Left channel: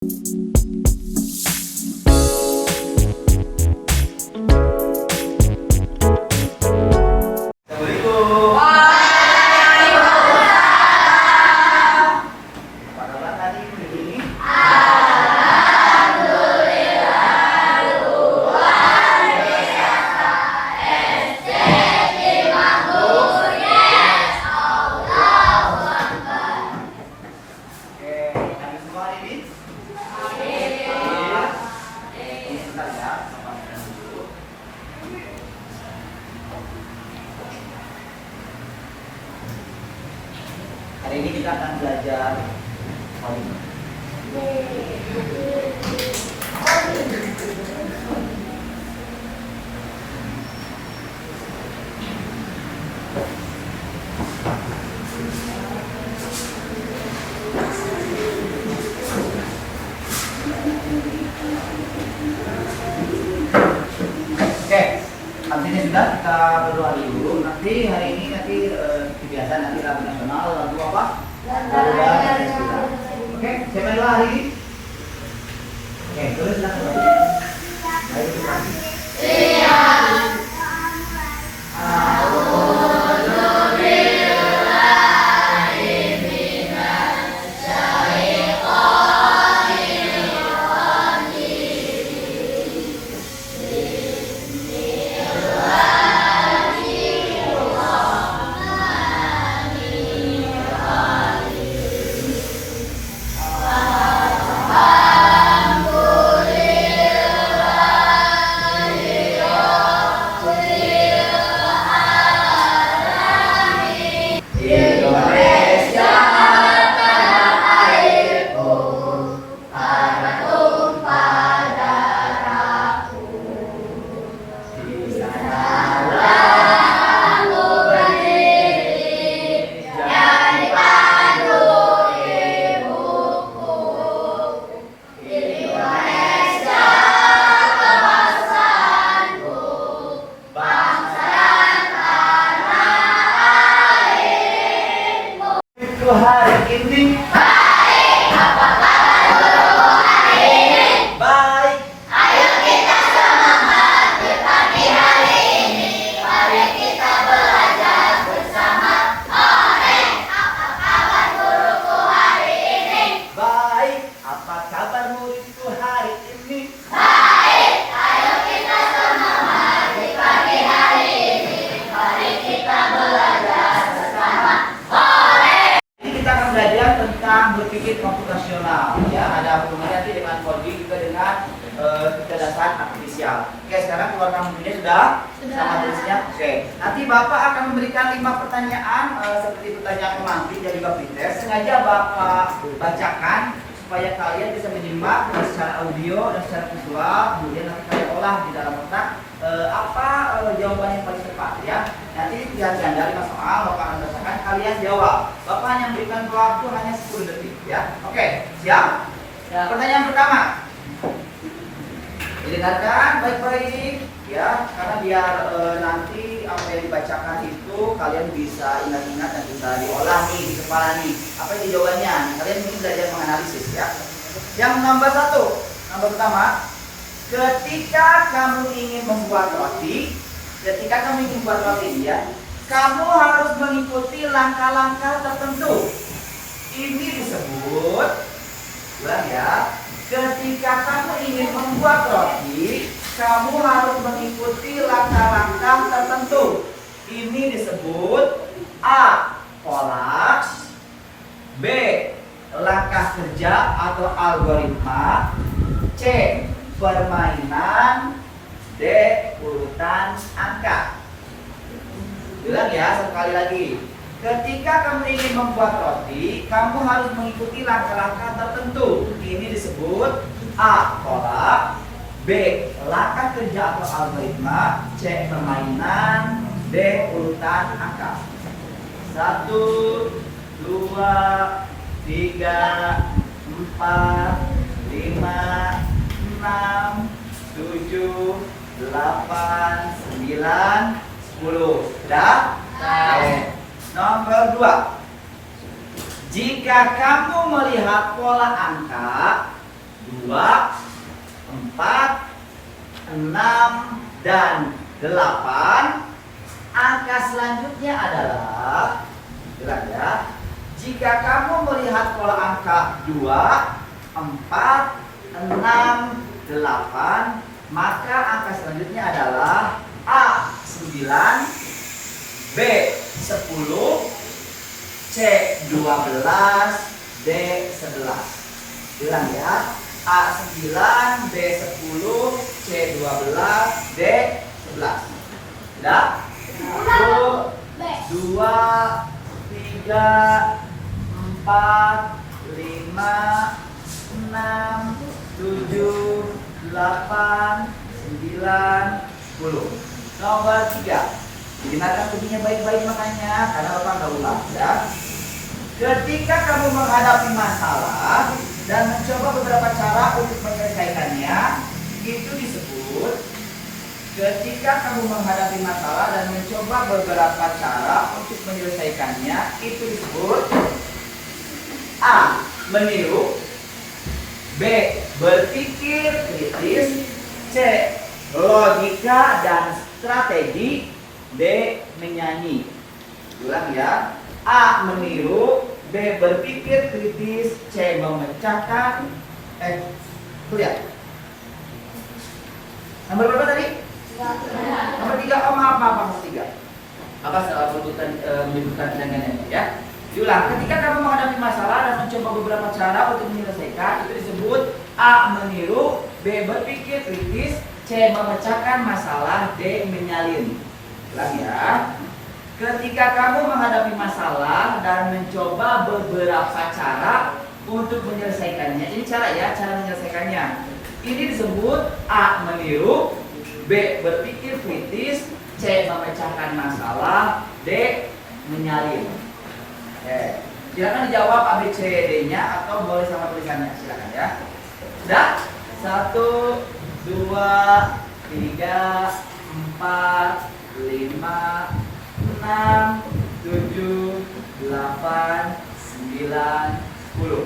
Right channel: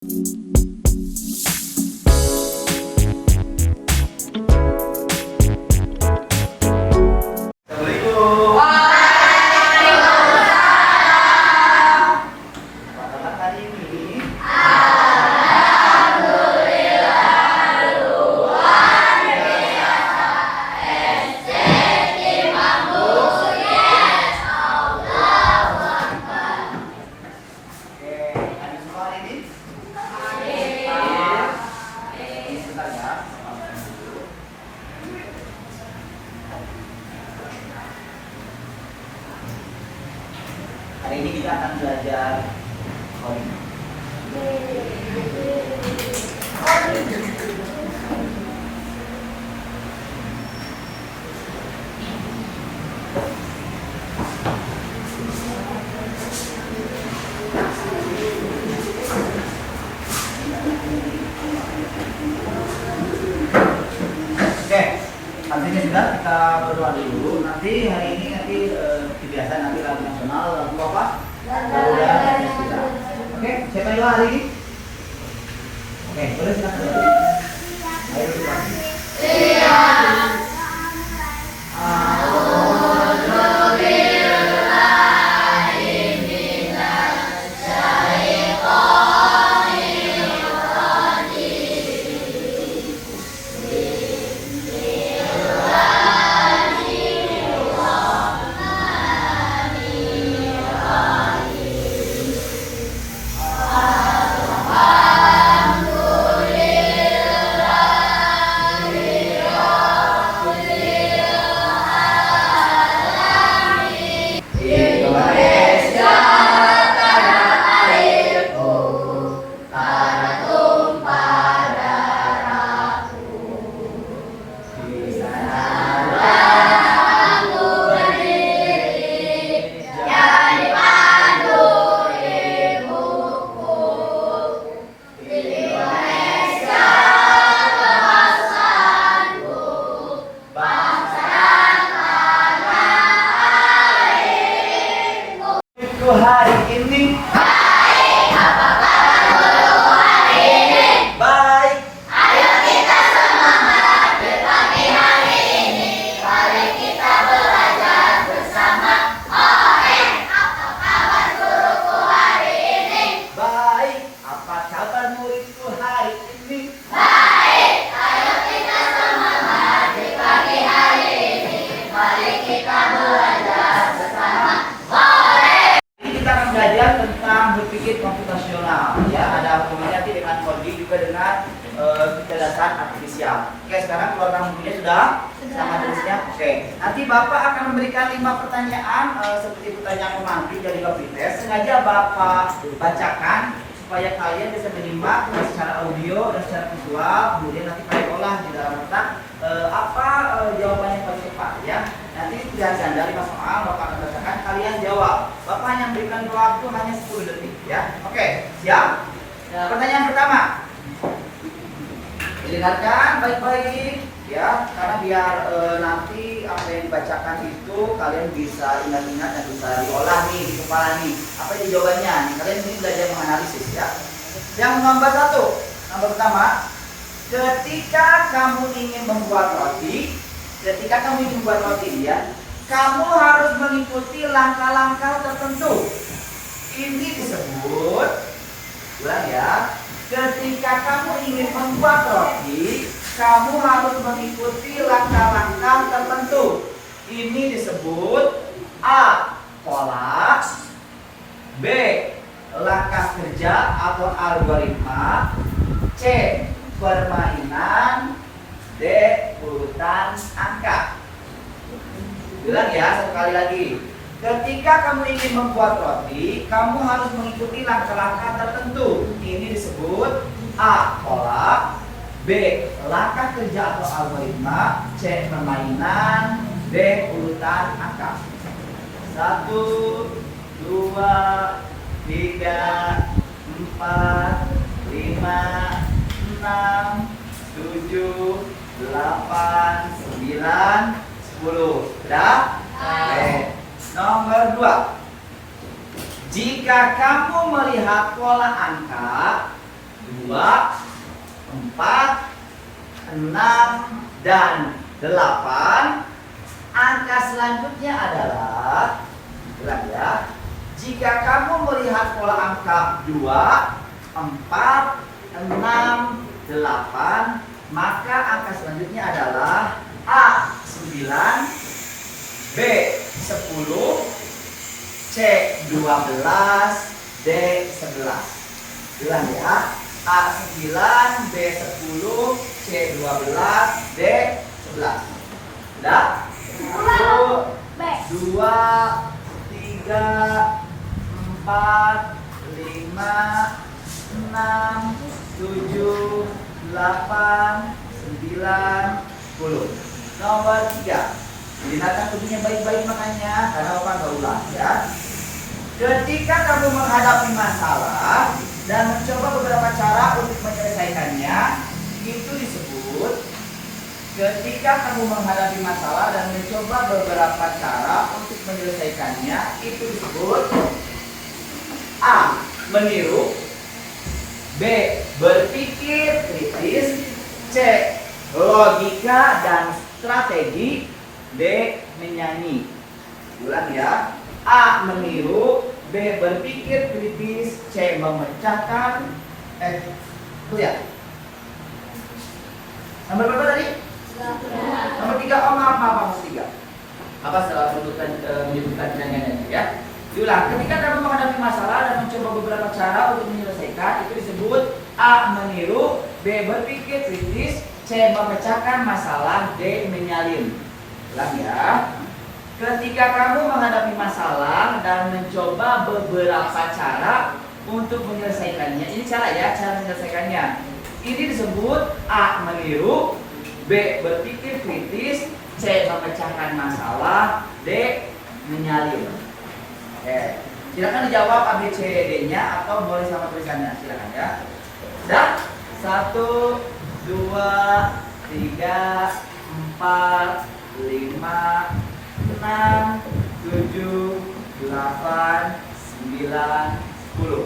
Hari ini kita akan belajar coding. Oke, artinya sudah kita berdoa dulu. Nanti hari ini kebiasaan nanti lagu nasional lagu apa? Lagu nasional. Oke, siapa yang doa hari ini? Oke, terus silakan. Ayo kita. Hari ini baik, apa kabar hari ini? Baik. Ayo kita semangat pagi hari ini. Mari kita belajar bersama. Apa kabar guruku hari ini? Baik. Apa kabar muridku hari ini? Baik. Ayo kita semangat pagi hari ini. Mari kita belajar bersama. Kita akan belajar tentang berpikir komputasional, ya. Ada hubungannya nanti dengan coding juga dengan kecerdasan artifisial. Oke, sekarang keluarkan bukunya sudah? Sama tulisnya. Oke. Nanti Bapak akan memberikan 5 pertanyaan seperti pertanyaan pemantik dari Bapak tes. Sengaja Bapak bacakan supaya kalian bisa menyimak secara audio dan secara visual. Kemudian nanti kalian olah di dalam otak jawabannya paling tepat, ya. Nanti pilihan Anda 5 soal, Bapak akan bacakan, kalian jawab. Bapak hanya memberikan waktu hanya 10 detik, ya. Oke, siap? Ya. Pertanyaan pertama. Dengarkan baik-baik, ya, karena biar nanti apa yang dibacakan itu kalian bisa ingat-ingat dan bisa diolah nih di kepala nih. Apa ini jawabannya? Nih, kalian ini belajar menganalisis, ya. Yang nomor 1, nomor pertama. Ketika kamu ingin membuat roti, ya, kamu harus mengikuti langkah-langkah tertentu. Ini disebut, ulang ya. Ketika kamu ingin membuat roti, kamu harus mengikuti langkah-langkah tertentu. Ini disebut A. Pola, B. Langkah kerja atau algoritma, C. Permainan, D. Urutan angka. Bilang ya, satu kali lagi. Ketika kamu ingin membuat roti, kamu harus mengikuti langkah-langkah tertentu. Ini disebut A. Pola, B. Langkah kerja atau algoritma, C. Permainan, D. Urutan angka. 1, 2, 3, 4, 5, 6, 7, 8, 9, 10. Sudah? Oke. Nomor 2. Jika kamu melihat pola angka, 6, dan 8. Angka selanjutnya adalah, jelas ya, jika kamu melihat pola angka 2, 4, 6, 8, maka angka selanjutnya adalah A 9, B 10, C 12, D 11. Bilang ya, A 9, B 10, C 12, D 11. Sudah? 1, 2, 3, 4, 5, 6, 7, 8, 9, 10. Nomor 3. Dengarkan kuncinya baik-baik makanya, karena Bapak nggak ulang ya. Ketika kamu menghadapi masalah dan mencoba beberapa cara untuk menyelesaikannya, itu disebut. Ketika kamu menghadapi masalah dan mencoba beberapa cara untuk menyelesaikannya, itu disebut A. Meniru, B. Berpikir kritis, C. Logika dan strategi, D. Menyanyi. Ulang ya. A. Meniru, B. Berpikir kritis, C. Memecahkan. Lihat. Nomor berapa tadi? Nomor 3. Oh maaf nomor 3. Apa salah menyebutkan penyanyiannya ya? Diulang. Ketika kamu menghadapi masalah dan mencoba beberapa cara untuk menyelesaikan, itu disebut A. Meniru, B. Berpikir kritis, C. Memecahkan masalah, D. Menyalin. Ulang ya. Ketika kamu menghadapi masalah dan mencoba beberapa cara untuk menyelesaikannya, ini cara ya, cara menyelesaikannya. Ini disebut A. Meniru, B. Berpikir kritis, C. Memecahkan masalah, D. Menyalin. Silakan dijawab A, B, C, D-nya atau boleh sama tulisannya, silakan ya. Sudah? 1, 2, 3, 4, 5, 6, 7, 8, 9, 10.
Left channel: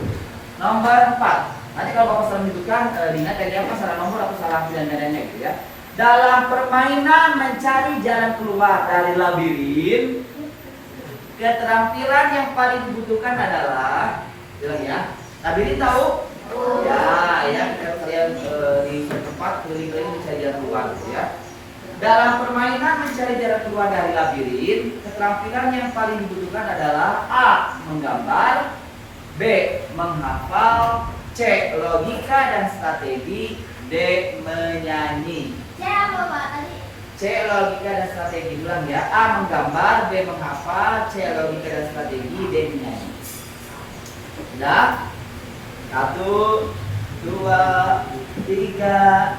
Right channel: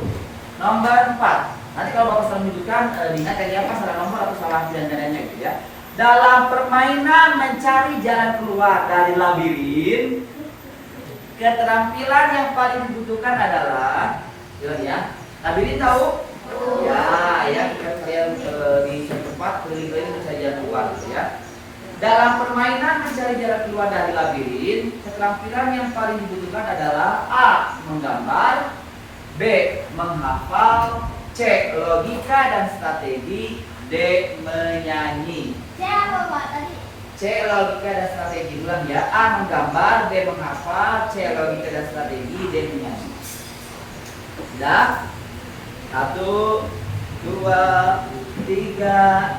Nomor 4. Nanti kalau Bapak salah menyebutkan, ingat tadi apa salah nomor atau salah pilihan-pilihannya gitu ya. Dalam permainan mencari jalan keluar dari labirin, keterampilan yang paling dibutuhkan adalah, bilang ya, labirin tahu? Ya, kita kalian di suatu tempat keliling-keliling mencari jalan keluar gitu ya. Dalam permainan mencari jalan keluar dari labirin, keterampilan yang paling dibutuhkan adalah A. Menggambar, B. Menghafal, C. Logika dan strategi, D. Menyanyi. C. Logika dan strategi. Ulang ya. A. Menggambar, B. Menghafal, C. Logika dan strategi, D. Menyanyi. Sudah? 1, 2, 3,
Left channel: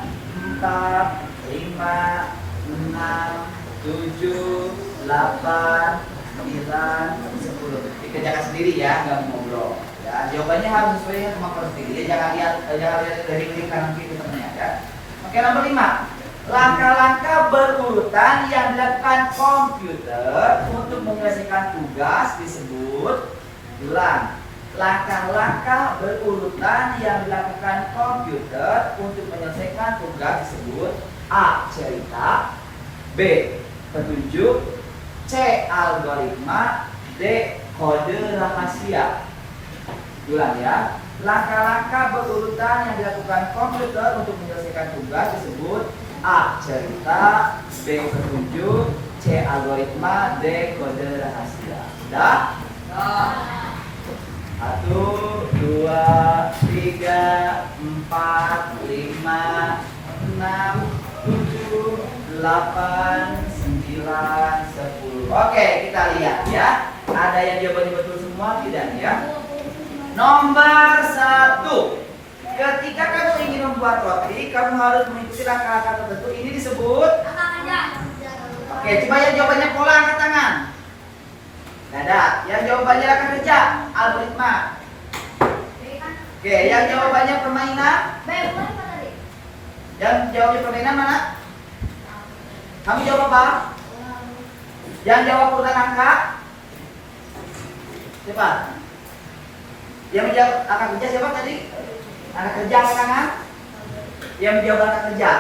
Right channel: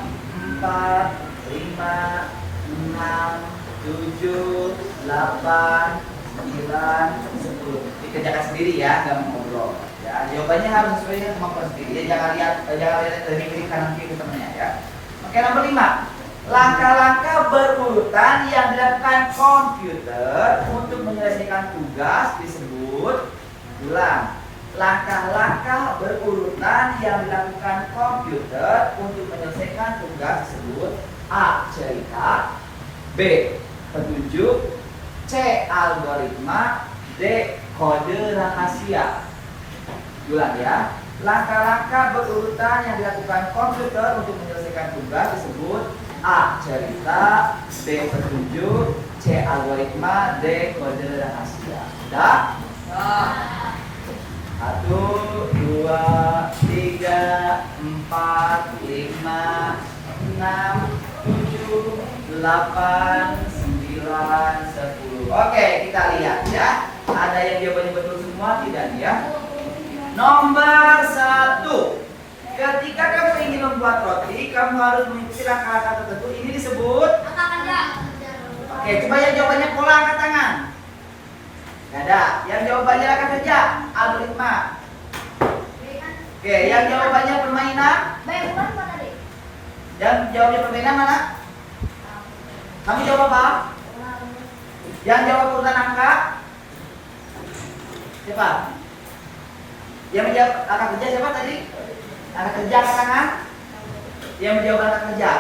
4, 5, 6, 7, 8, 9, 10. Dikerjakan sendiri ya, nggak mau ngobrol. Ya, jawabannya harus sesuai dengan kemampuan sendiri. Jangan lihat dari kiri kanan kiri temennya ya. Oke, nomor 5. Langkah-langkah berurutan yang dilakukan komputer untuk menyelesaikan tugas disebut. Ulang. Langkah-langkah berurutan yang dilakukan komputer untuk menyelesaikan tugas disebut A. Cerita, B. Petunjuk, C. Algoritma, D. Kode rahasia. Ulang ya. Langkah-langkah berurutan yang dilakukan komputer untuk menyelesaikan tugas disebut A. Cerita, B. Petunjuk, C. Algoritma, D. Kode rahasia. Sudah? 1, 2, 3, 4, 5, 6, 7, 8, 9, 10. Oke, kita lihat ya. Ada yang jawabannya betul semua tidak ya? Nomor 1. Ketika kamu ingin membuat roti, kamu harus mengikuti langkah-langkah tertentu. Ini disebut angka kerja. Oke, coba yang jawabannya pola angkat tangan. Ada. Yang jawabannya langkah kerja, algoritma. Oke, yang jawabannya permainan. Yang jawabnya permainan mana? Kamu jawab apa? Yang jawab urutan angka? Siapa? Yang menjawab angka kerja siapa tadi? Angka kerja angkat tangan? yang menjawab langkah kerja?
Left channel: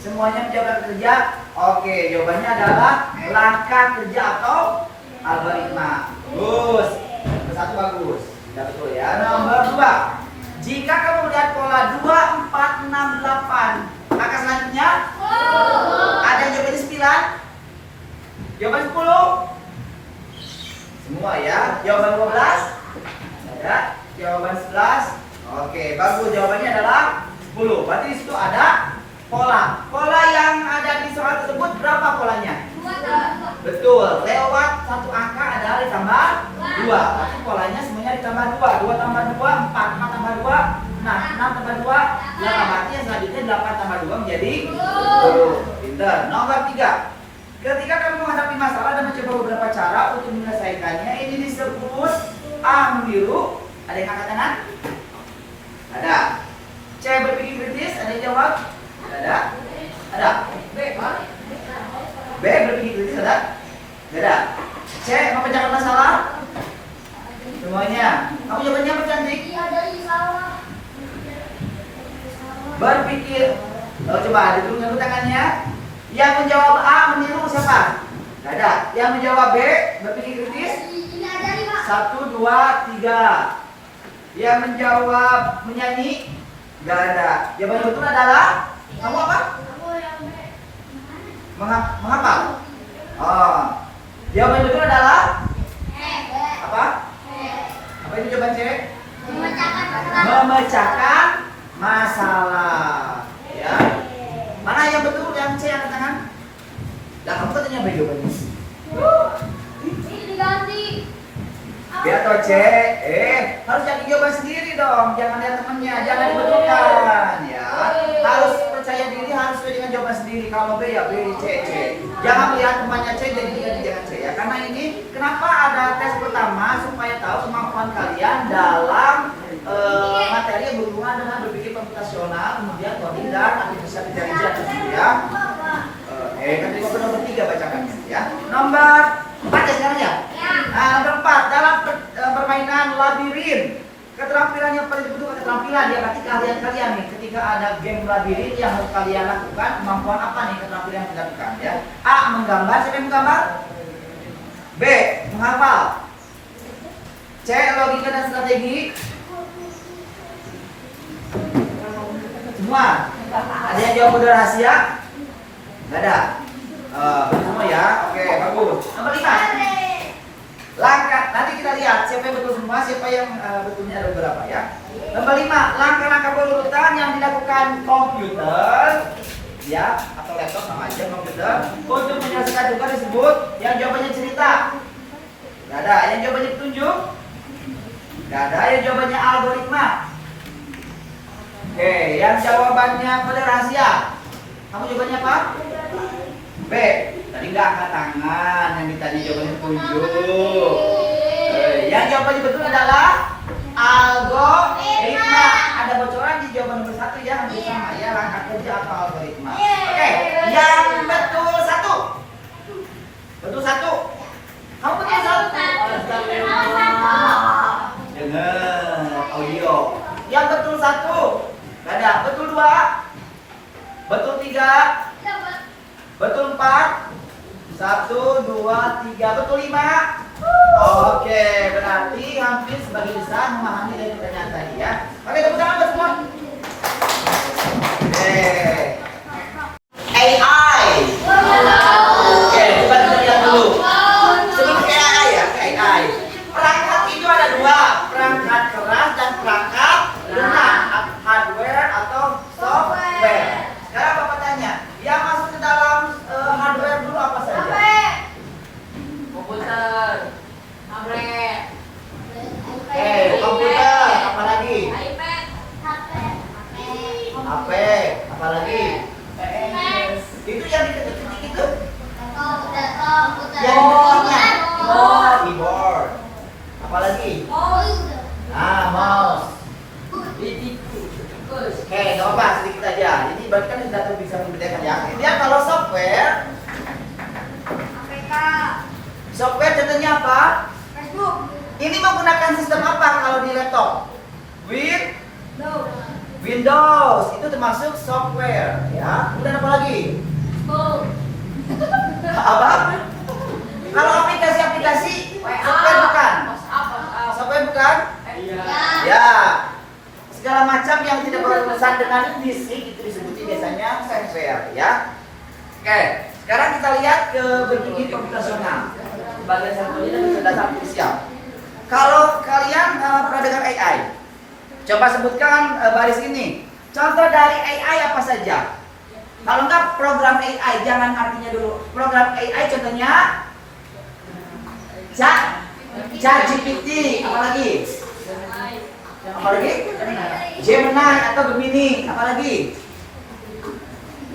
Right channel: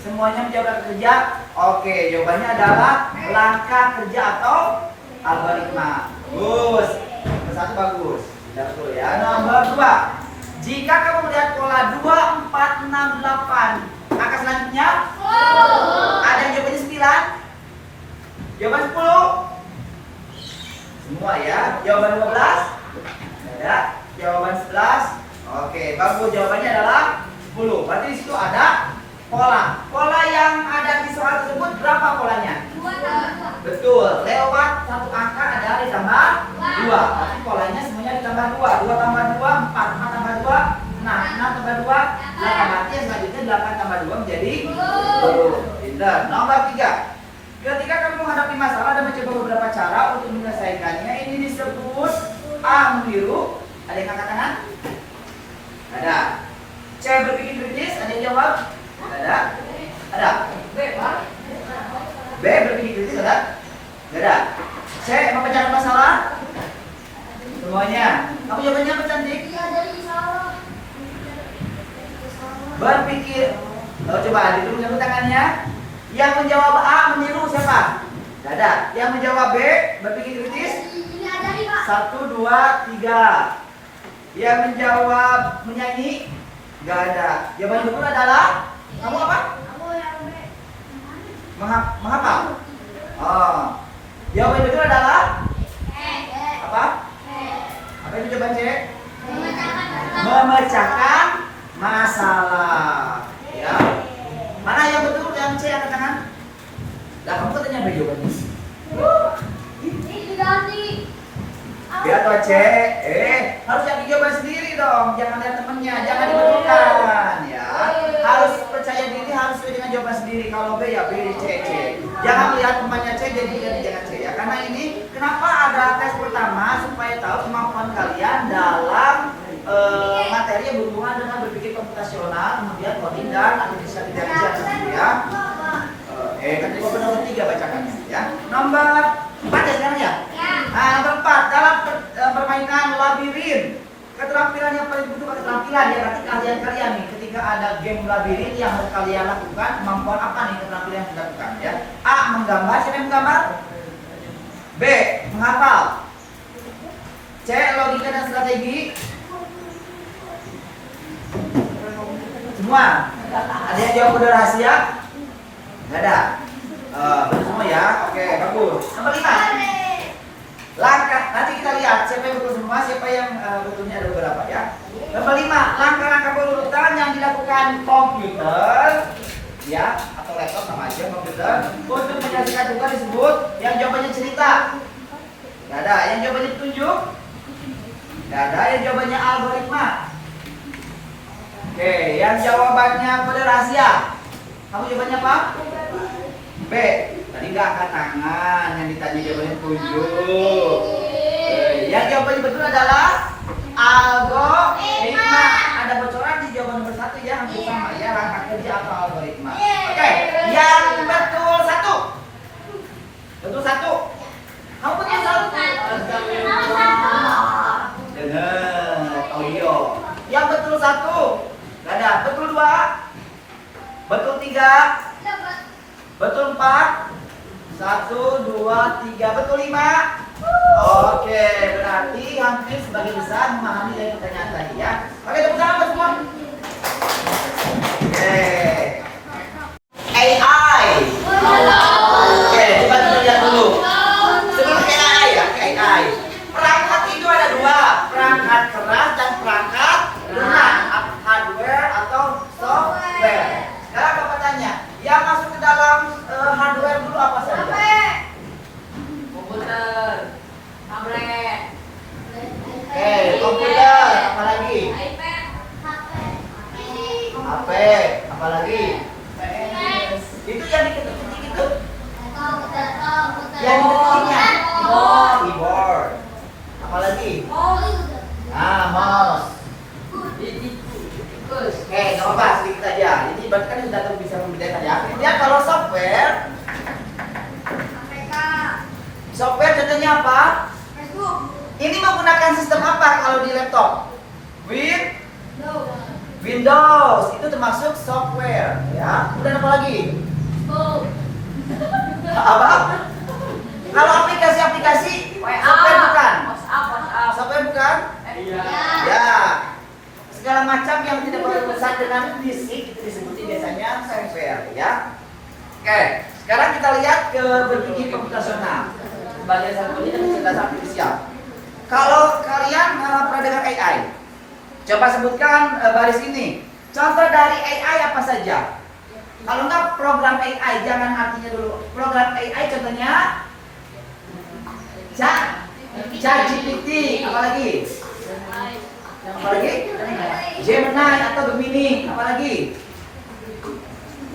Semuanya menjawab langkah kerja? Oke, jawabannya adalah langkah kerja atau algoritma. Bagus. Nomor 1 bagus. Tidak betul ya. Nomor 2. Jika kamu melihat pola 2, 4, 6, 8, maka selanjutnya ada yang jawabannya 9. Jawaban 10. Semua ya. Jawaban 12. Ada. Jawaban 11. Oke, bagus. Jawabannya adalah 10. Berarti di situ ada pola. Pola yang ada di soal tersebut berapa polanya? 2. Betul. Lewat satu angka adalah ditambah 2. Berarti polanya semuanya ditambah 2. 2 tambah 2, 4. 4 tambah 2, 6. 6 tambah 2, 8. Berarti yang selanjutnya 8 tambah 2 menjadi 10. Pintar. Nomor 3. Ketika kamu menghadapi masalah dan mencoba beberapa cara untuk menyelesaikannya, ini disebut A. Meniru. Ada yang angkat tangan? Ada. C. Berpikir kritis. Ada yang jawab? Ada? Ada? B. Berpikir kritis. Ada? Ada. C. Memecahkan masalah. Semuanya. Kamu jawabannya apa, cantik? Berpikir. Coba diturunkan dulu tangannya. Yang menjawab A, meniru siapa? Tidak ada. Yang menjawab B, berpikir kritis? 1, 2, 3. Yang menjawab menyanyi? Tidak ada. Jawaban betul adalah kamu apa? Menghafal. Oh. Jawaban betul adalah apa? Apa itu jawaban C? Memecahkan masalah. Ya. Mana yang betul? Yang C angkat tangan. Lah kamu katanya apa jawabannya? Ini diganti. B atau C? Harus jadi jawaban sendiri dong. Jangan lihat temennya, jangan dibetulkan ya. Harus percaya diri, harus sesuai dengan jawaban sendiri. Kalau B ya B, C, C. Jangan melihat temannya C jadi diganti jangan C ya. Karena ini kenapa ada tes pertama supaya tahu kemampuan kalian dalam materi yang berhubungan dengan berpikir komputasional, kemudian coding dan artificial intelligence ya. Kan tadi nomor 3 bacakannya ya. Nomor 4 ya sekarang ya? Nah, nomor 4 dalam permainan labirin. Keterampilan yang paling dibutuhkan keterampilan ya berarti keahlian kalian nih ketika ada game labirin yang harus kalian lakukan, kemampuan apa nih keterampilan yang harus dilakukan ya? A. Menggambar, siapa yang menggambar? B. Menghafal. C. Logika dan strategi. Semua? Ada yang jawab kode rahasia? Nggak ada? Betul semua ya? Oke, bagus. Nomor 5. Langkah, nanti kita lihat siapa yang betul semua, siapa yang betulnya ada beberapa ya. Nomor 5, langkah-langkah berurutan yang dilakukan komputer ya, atau laptop sama aja komputer untuk menyelesaikan tugas disebut yang jawabannya cerita. Nggak ada, yang jawabannya petunjuk. Nggak ada, yang jawabannya algoritma. Oke, yang jawabannya kode rahasia. Kamu jawabannya apa? B. Tadi nggak angkat tangan, yang ditanya jawabannya petunjuk. Yang jawabannya betul adalah algoritma. Ada bocoran di jawaban nomor 1 ya, hampir sama ya, langkah kerja atau algoritma. Oke, yang betul 1. Betul 1. Kamu betul 1. Dengar audio. Yang betul 1. Gak ada. Betul 2. Betul 3. Betul 4. 1, 2, 3. Betul 5. Oke, berarti hampir sebagian besar memahami dari pertanyaan tadi ya. Oke, tepuk tangan buat semua. Oke. AI. Oke, coba kita lihat dulu. Sebelum ke AI ya, ke AI. Perangkat itu ada 2, perangkat keras dan perangkat lunak, hardware atau software. Sekarang Bapak tanya, yang masuk ke dalam hardware dulu apa saja? Komputer, tablet. Oke, komputer, apa lagi? HP, apa lagi? Itu yang diketik-ketik itu? Yang diketiknya? Keyboard. Apa lagi? Nah, mouse. Oke, nggak apa-apa, sedikit aja. Jadi berarti kan sudah tahu bisa membedakan ya. Kemudian kalau software, software contohnya apa? Ini menggunakan sistem apa kalau di laptop? Windows itu termasuk software, ya. Kemudian apa lagi? Phone. Apa? Kalau aplikasi-aplikasi, software bukan? WhatsApp. Software bukan? Iya. Ya. Segala macam yang tidak berurusan dengan fisik itu disebut biasanya software, ya. Oke, sekarang kita lihat ke berpikir komputasional. Bagian satu ini kecerdasan artifisial. Kalau kalian pernah dengar AI, coba sebutkan baris ini. Contoh dari AI apa saja? Kalau enggak program AI, jangan artinya dulu. Program AI contohnya ChatGPT, apalagi? Apalagi? Gemini atau Gemini, apalagi?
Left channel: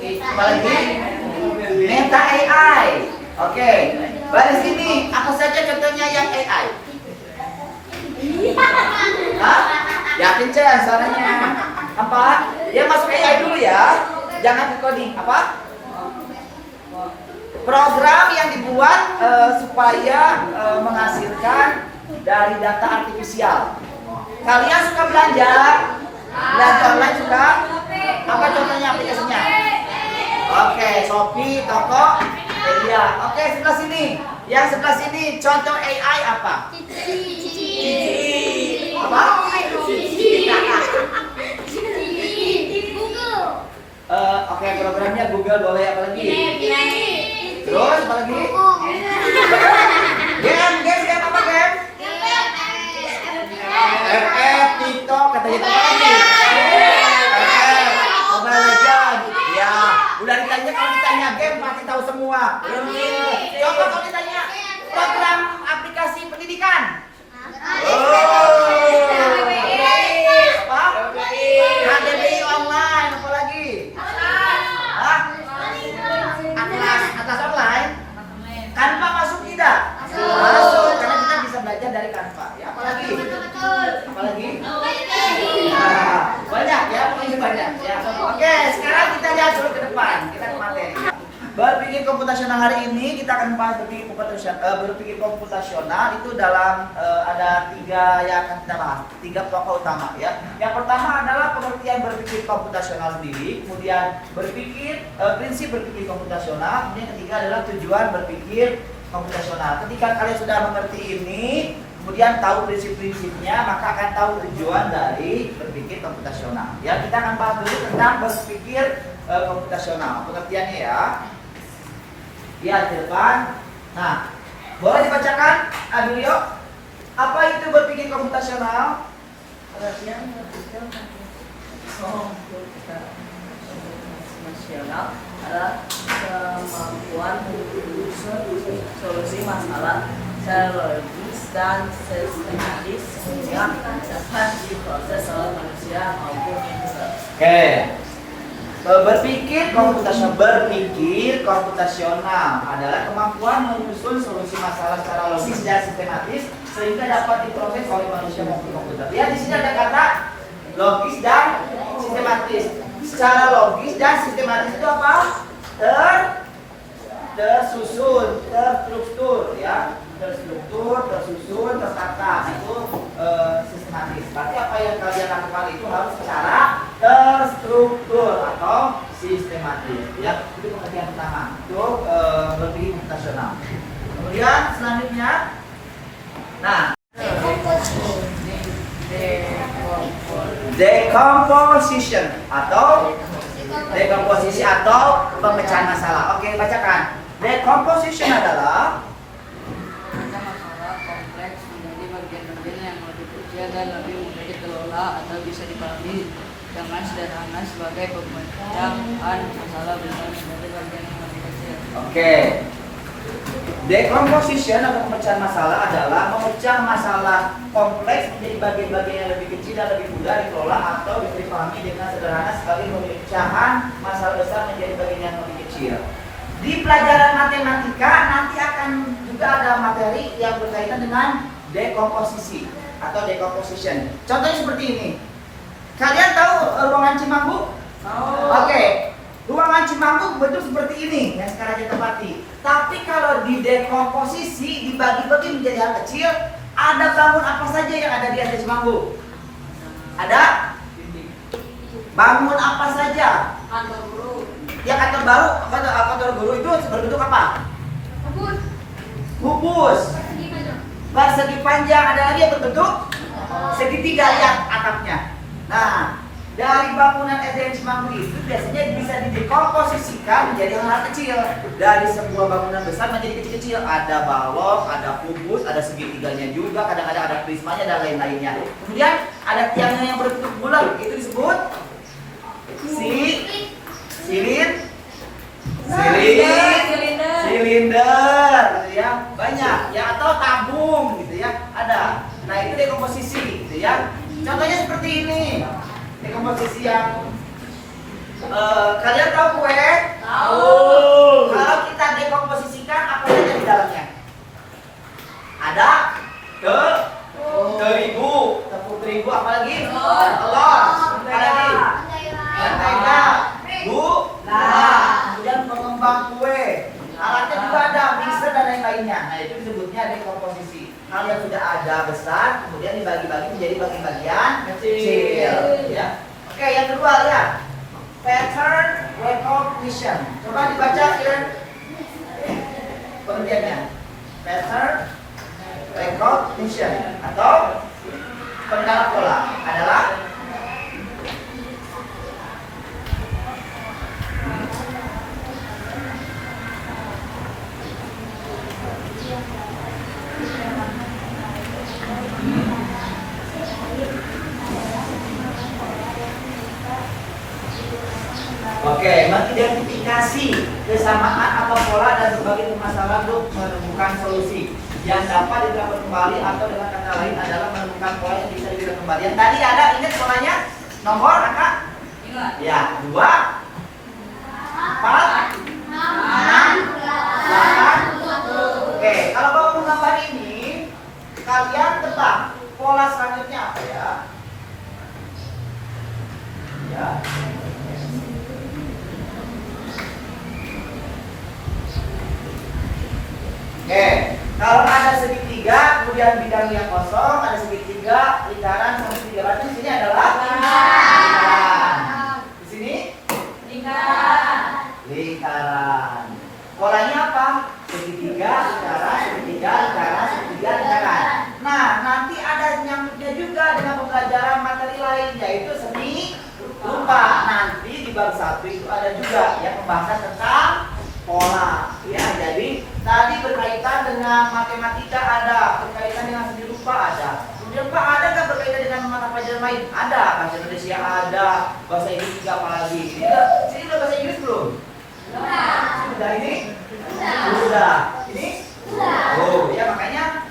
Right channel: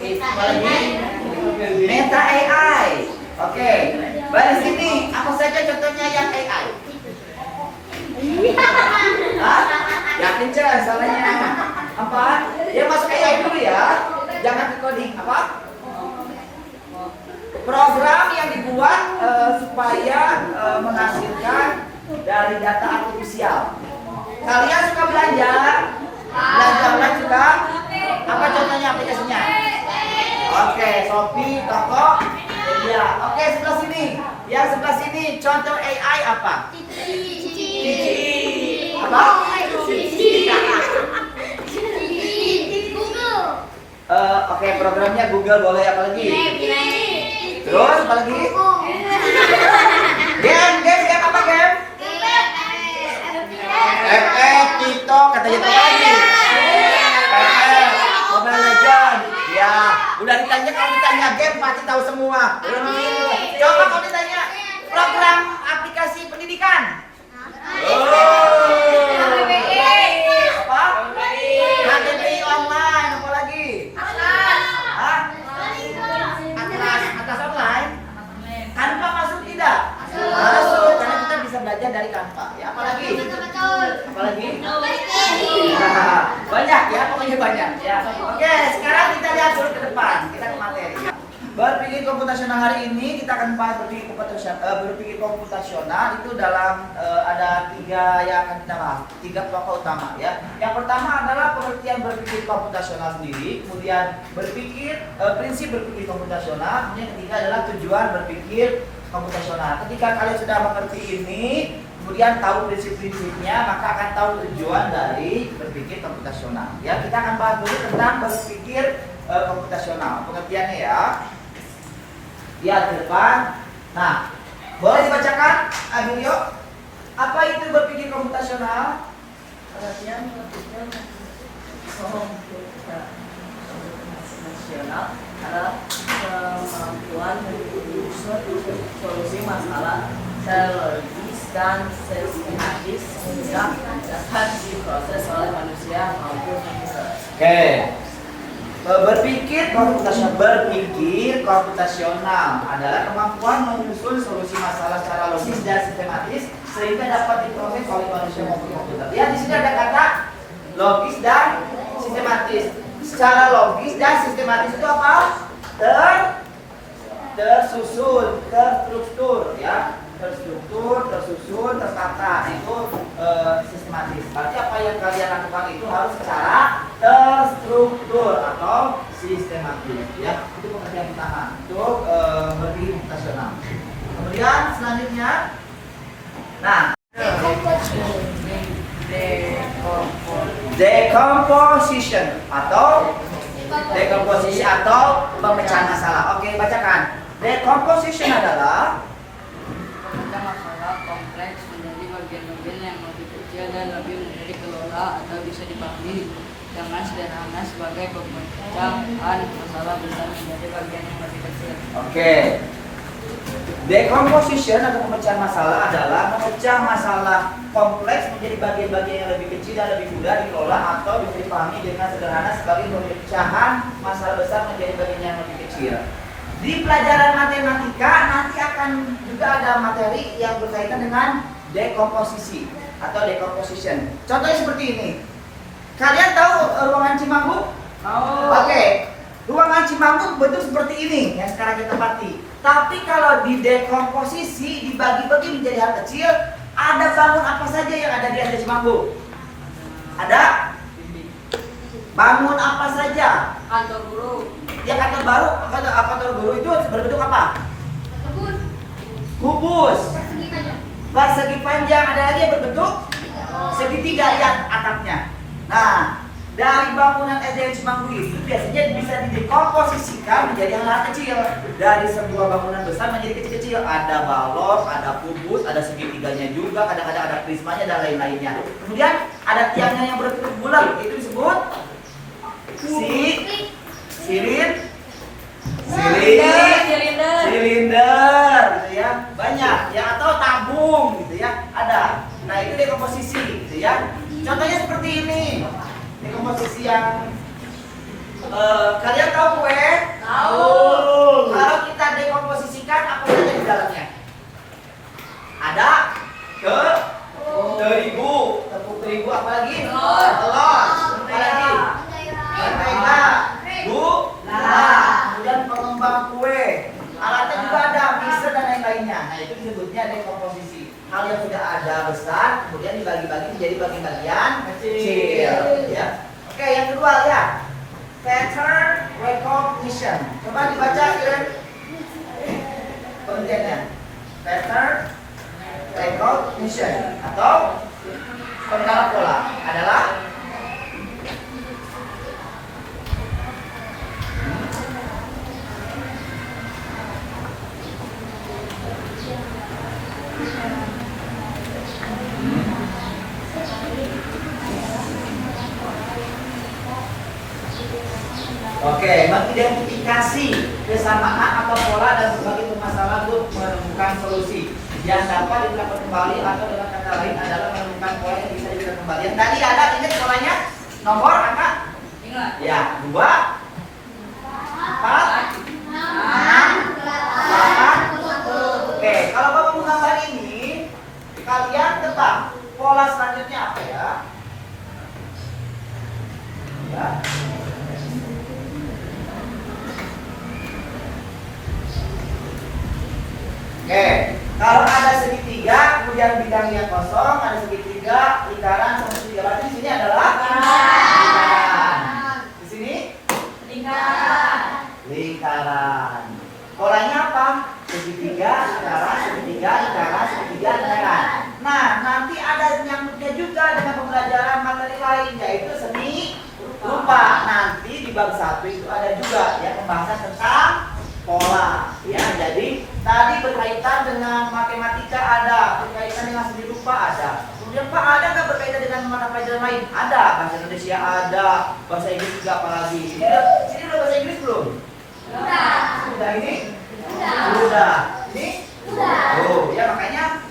Apalagi? Meta AI. Oke, baris ini apa saja contohnya yang AI? Hah? Yakin cek suaranya? Apa? Ya masuk AI dulu ya. Jangan ke coding. Apa? Program yang dibuat supaya menghasilkan dari data artifisial. Kalian suka belanja? Belanja online suka? Apa contohnya aplikasinya? Oke, Shopee, Tokopedia. Oke, sebelah sini. Yang sebelah sini contoh AI apa? Apa? Oke, programnya Google boleh, apa lagi? Terus apa lagi? Game apa game? FF, TikTok, katanya apa lagi? FF, Mobile Legends. Ya, udah ditanya, kalau ditanya game pasti tahu semua. Contoh kalau ditanya program aplikasi pendidikan. Apa? KDBI online, apa lagi? Hah? Atlas online? Canva masuk tidak? Masuk, karena kita bisa belajar dari Canva. Ya, apalagi? Apalagi? Nah, banyak ya, pokoknya banyak ya. Oke, sekarang kita lihat dulu ke depan. Kita ke materi. Berpikir komputasional hari ini kita akan bahas berpikir komputasional itu dalam ada tiga yang akan kita bahas, tiga pokok utama ya. Yang pertama adalah pengertian berpikir komputasional sendiri, kemudian prinsip berpikir komputasional, kemudian ketiga adalah tujuan berpikir komputasional. Ketika kalian sudah mengerti ini, kemudian tahu prinsip-prinsipnya, maka akan tahu tujuan dari berpikir komputasional. Ya, kita akan bahas dulu tentang berpikir komputasional. Pengertiannya ya. Lihat di depan. Nah, boleh dibacakan? Aduh yuk. Apa itu berpikir komputasional? Pengertian berpikir komputasional adalah kemampuan menyusun solusi masalah secara logis dan sistematis sehingga dapat diproses oleh manusia maupun komputer. Oke. Berpikir komputasional adalah kemampuan menyusun solusi masalah secara logis dan sistematis sehingga dapat diproses oleh manusia maupun komputer. Lihat di sini ada kata logis dan sistematis. Secara logis dan sistematis itu apa? Tersusun, terstruktur, ya. Tersusun, tertata. Itu sistematis. Berarti apa yang kalian lakukan itu harus secara terstruktur atau sistematis. Ya, itu pengertian pertama untuk berpikir komputasional. Kemudian selanjutnya, nah, dekomposisi atau pemecahan masalah. Oke, bacakan. Decomposition adalah Masalah kompleks menjadi bagian-bagian yang lebih kecil dan lebih mudah dikelola atau bisa dipahami dengan sederhana sebagai pemecahan masalah besar menjadi bagian yang lebih kecil. Oke. Decomposition atau pemecahan masalah adalah memecah masalah kompleks menjadi bagian-bagian yang lebih kecil dan lebih mudah dikelola atau bisa dipahami dengan sederhana sebagai pemecahan masalah besar menjadi bagian yang lebih kecil. Di pelajaran matematika nanti akan juga ada materi yang berkaitan dengan dekomposisi atau decomposition. Contohnya seperti ini. Kalian tahu ruangan Cimanggu? Oke. Ruangan Cimanggu bentuk seperti ini yang sekarang kita tempati. Tapi kalau di dekomposisi, dibagi-bagi menjadi hal kecil, ada bangun apa saja yang ada di atas Cimanggu? Ada? Bangun apa saja? Kantor guru. Ya kantor baru, kantor guru itu berbentuk apa? Kebun. Kubus. Persegi panjang. Persegi panjang, ada lagi yang berbentuk segitiga lihat atapnya. Nah, dari bangunan SDN Semanggu itu biasanya bisa didekomposisikan menjadi hal-hal kecil. Dari sebuah bangunan besar menjadi kecil-kecil. Ada balok, ada kubus, ada segitiganya juga, kadang-kadang ada prismanya dan lain-lainnya. Kemudian ada tiangnya yang berbentuk bulat, itu disebut silinder gitu ya, banyak ya, atau tabung gitu ya, ada. Nah itu dekomposisi gitu ya. Contohnya seperti ini, dekomposisi yang kalian tahu kue? Tahu. Kalau kita dekomposisikan apa saja di dalamnya? Ada terigu, tepung terigu, apalagi? Telur, apalagi? Mentega, gula, kemudian pengembang kue, alatnya juga ada, mixer dan lain-lainnya. Nah itu disebutnya dekomposisi. Hal yang sudah ada besar, kemudian dibagi-bagi menjadi bagian-bagian kecil. Ya. Oke, yang kedua lihat, pattern recognition. Coba dibaca ya pengertiannya. Pattern recognition atau pengenal pola adalah mengidentifikasi kesamaan atau pola dan berbagai permasalahan untuk menemukan solusi yang dapat diterapkan kembali, atau dengan kata lain adalah menemukan pola yang bisa diberikan kembali. Yang tadi ada, ingat polanya nomor angka? Ingat. Ya, 2, 4, 6, 8. Oke, kalau Bapak menggambar ini, kalian tebak pola selanjutnya apa ya? Ya. Oke, kalau ada segitiga, kemudian bidang yang kosong, ada segitiga, lingkaran, sama segitiga. Berarti di sini adalah lingkaran. Di sini lingkaran. Polanya apa? Segitiga, lingkaran, segitiga, lingkaran, segitiga, lingkaran. Nah, nanti ada nyambutnya juga dengan pembelajaran materi lain, yaitu seni rupa. Nanti di bab 1 itu ada juga yang pembahasan tentang pola. Ya, jadi tadi berkaitan dengan matematika ada, berkaitan dengan seni rupa ada. Kemudian Pak, ada nggak berkaitan dengan mata pelajaran lain? Ada, bahasa Indonesia ada, bahasa Inggris juga apalagi. Ini udah bahasa Inggris belum? Sudah ini? Sudah. Ini? Oh, ya makanya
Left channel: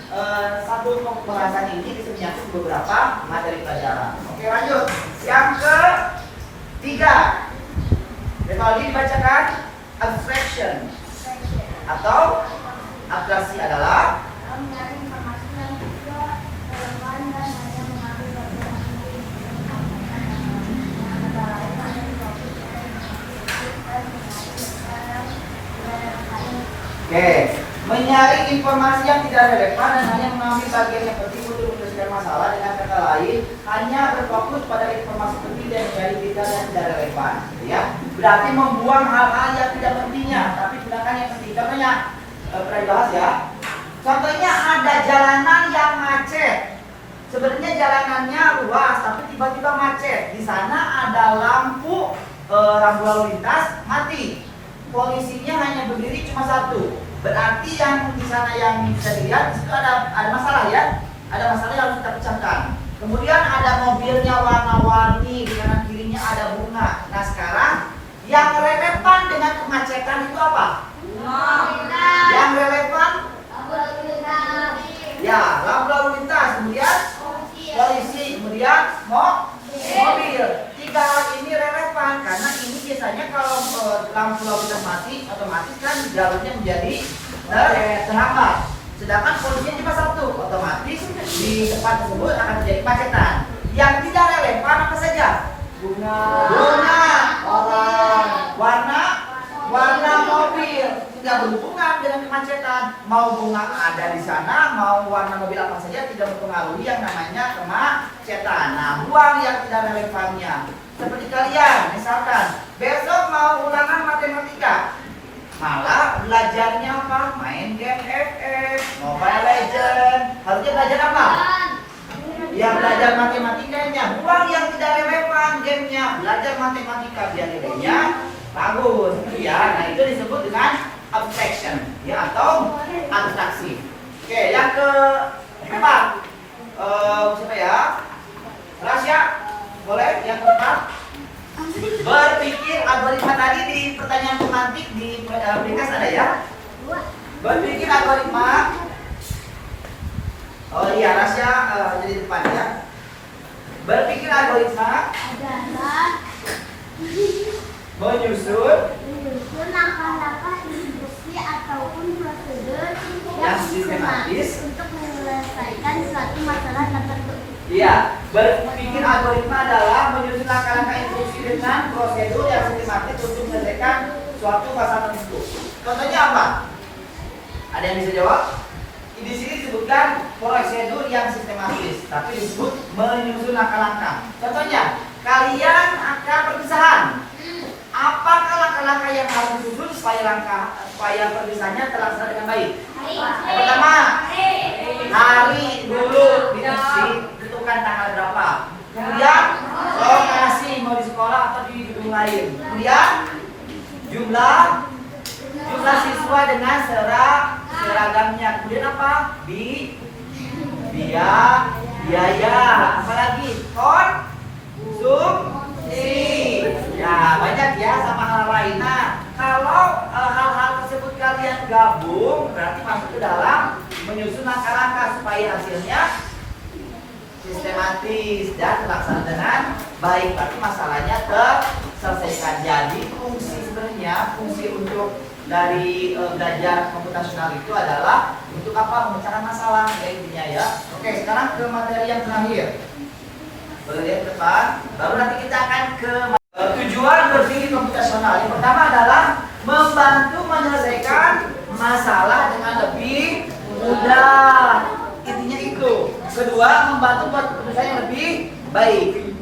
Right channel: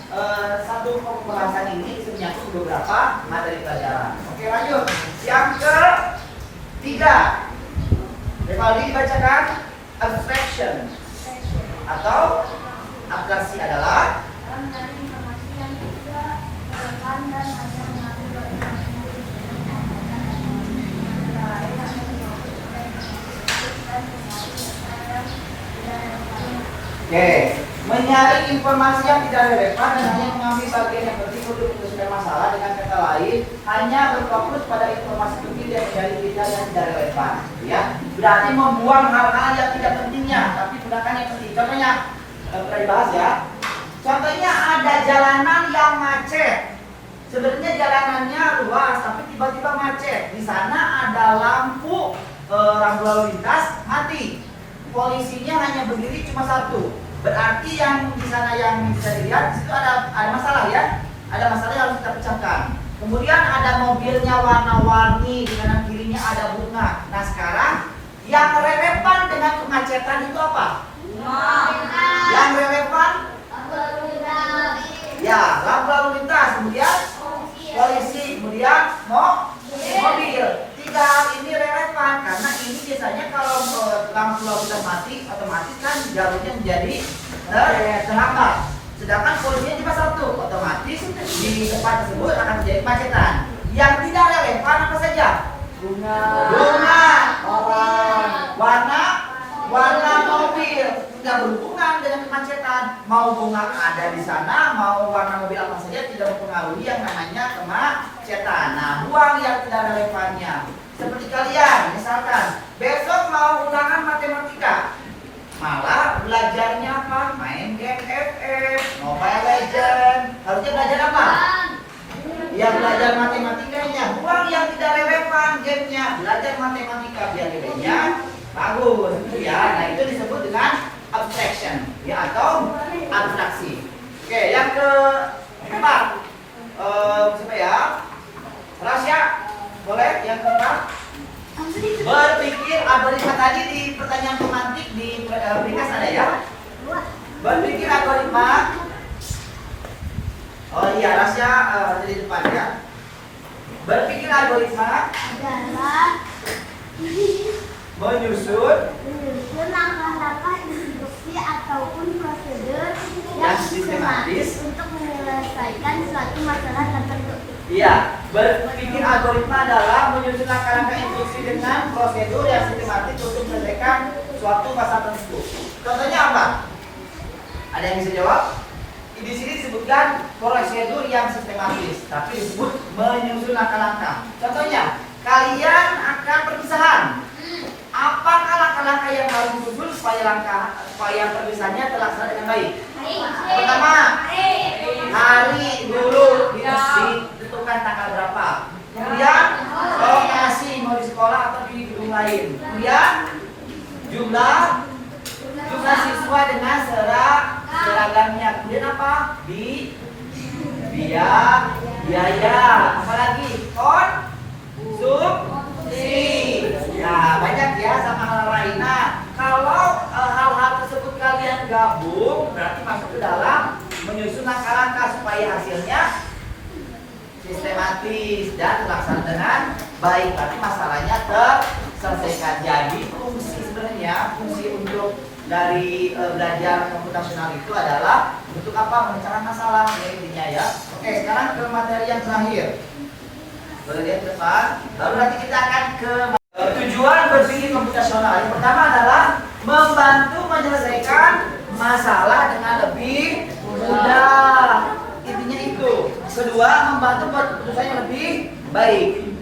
satu pembahasan ini bisa menyangkut beberapa materi pelajaran. Oke, lanjut. Yang ketiga, Revaldi dibacakan abstraction atau abstraksi adalah informasi yang tidak relevan dan hanya mengambil bagian Oke, mencari informasi yang tidak relevan dan hanya mengambil bagian yang penting untuk menyelesaikan masalah. Dengan kata lain, hanya berfokus pada informasi penting dan mencari detail yang tidak relevan. Ya, berarti membuang hal-hal yang tidak pentingnya, tapi gunakan yang penting. Contohnya pernah dibahas ya. Contohnya ada jalanan yang macet. Sebenarnya jalanannya luas, tapi tiba-tiba macet. Di sana ada lampu lalu lintas mati. Polisinya hanya berdiri cuma satu. Berarti yang di sana yang bisa dilihat itu ada masalah ya. Ada masalah yang harus kita pecahkan. Kemudian ada mobilnya warna-warni, di kanan kirinya ada bunga. Nah sekarang yang relevan dengan kemacetan itu apa? Yang relevan? Ya, lampu lalu lintas. Kemudian polisi, kemudian mobil. Tiga hal ini relevan karena ini biasanya kalau lampu lalu lintas mati, otomatis kan jalurnya menjadi terhambat. Sedangkan polisinya cuma satu, otomatis di tempat tersebut akan terjadi kemacetan. Yang tidak relevan apa saja? Bunga, orang, warna mobil. Tidak tidak berhubungan dengan kemacetan. Mau bunga ada di sana, mau warna mobil apa saja tidak mempengaruhi yang namanya kemacetan. Nah, buang yang tidak ada relevannya. Seperti kalian, misalkan besok mau ulangan matematika, malah belajarnya apa? Main game FF, Mobile Legend. Harusnya belajar apa? Yang belajar matematikanya. Buang yang tidak relevan gamenya. Belajar matematika biar nilainya bagus, gitu ya. Nah, itu disebut dengan abstraction, ya, atau abstraksi. Oke, yang keempat, siapa ya? Rasya, boleh? Yang keempat, berpikir algoritma. Tadi di pertanyaan pemantik di ringkas ada ya? Berpikir algoritma. Oh iya, Rasya ada di depan ya. Berpikir algoritma adalah menyusun langkah-langkah instruksi ataupun prosedur yang yang sistematis sistematis untuk menyelesaikan suatu masalah tertentu. Iya, berpikir algoritma adalah menyusun langkah-langkah instruksi dengan prosedur yang sistematis untuk menyelesaikan suatu masalah tertentu. Contohnya apa? Ada yang bisa jawab? Di sini disebutkan prosedur yang sistematis, tapi disebut menyusun langkah-langkah. Contohnya, kalian akan perpisahan. Apakah langkah-langkah yang harus disusun supaya perpisahannya terlaksana dengan baik? Pertama, hari dulu ditentukan tanggal berapa. Kemudian lokasi mau di sekolah atau di gedung lain. Kemudian jumlah siswa dengan seragamnya. Kemudian apa? Biaya. Apalagi konsumsi. Ya, banyak ya sama hal lain. Nah, kalau hal-hal tersebut kalian gabung, berarti masuk ke dalam menyusun langkah-langkah supaya hasilnya sistematis dan terlaksana dengan baik. Berarti masalahnya terselesaikan. Jadi fungsi untuk dari belajar komputasional itu adalah untuk apa? Memecahkan masalah ya, intinya ya. Oke, sekarang ke materi yang terakhir. Boleh lihat ke depan. Baru nanti kita akan ke tujuan berpikir komputasional. Yang pertama adalah membantu menyelesaikan masalah dengan lebih mudah. Intinya itu. Kedua, membantu buat keputusan yang lebih baik.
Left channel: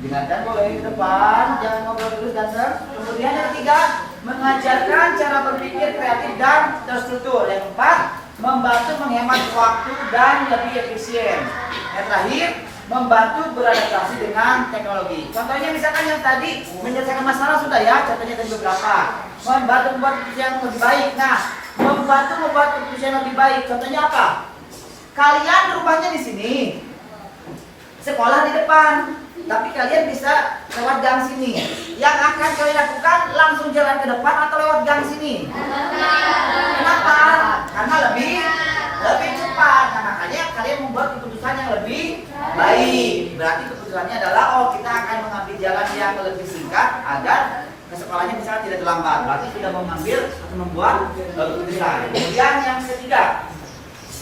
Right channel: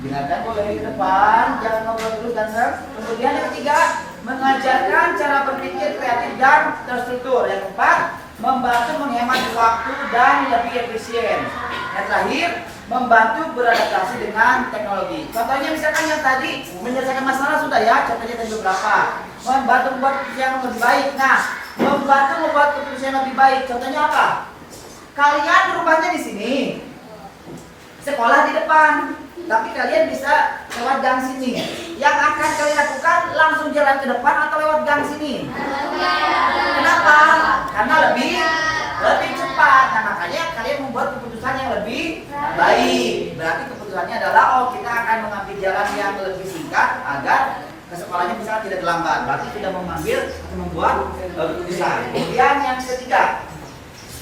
Dengarkan boleh ke depan, jangan ngobrol terus dan kemudian yang ketiga, mengajarkan cara berpikir kreatif dan terstruktur. Yang keempat, membantu menghemat waktu dan lebih efisien. Yang terakhir, membantu beradaptasi dengan teknologi. Contohnya misalkan yang tadi menyelesaikan masalah sudah ya, contohnya tadi beberapa. Membantu membuat keputusan yang lebih baik. Nah, membantu membuat keputusan yang lebih baik. Contohnya apa? Kalian rumahnya di sini, sekolah di depan, tapi kalian bisa lewat gang sini. Yang akan kalian lakukan langsung jalan ke depan atau lewat gang sini? Kenapa? Karena lebih cepat. Nah, makanya kalian membuat keputusan yang lebih baik. Berarti keputusannya adalah kita akan mengambil jalan yang lebih singkat agar ke sekolahnya misalnya tidak terlambat. Berarti tidak mengambil atau membuat keputusan. Kemudian yang ketiga,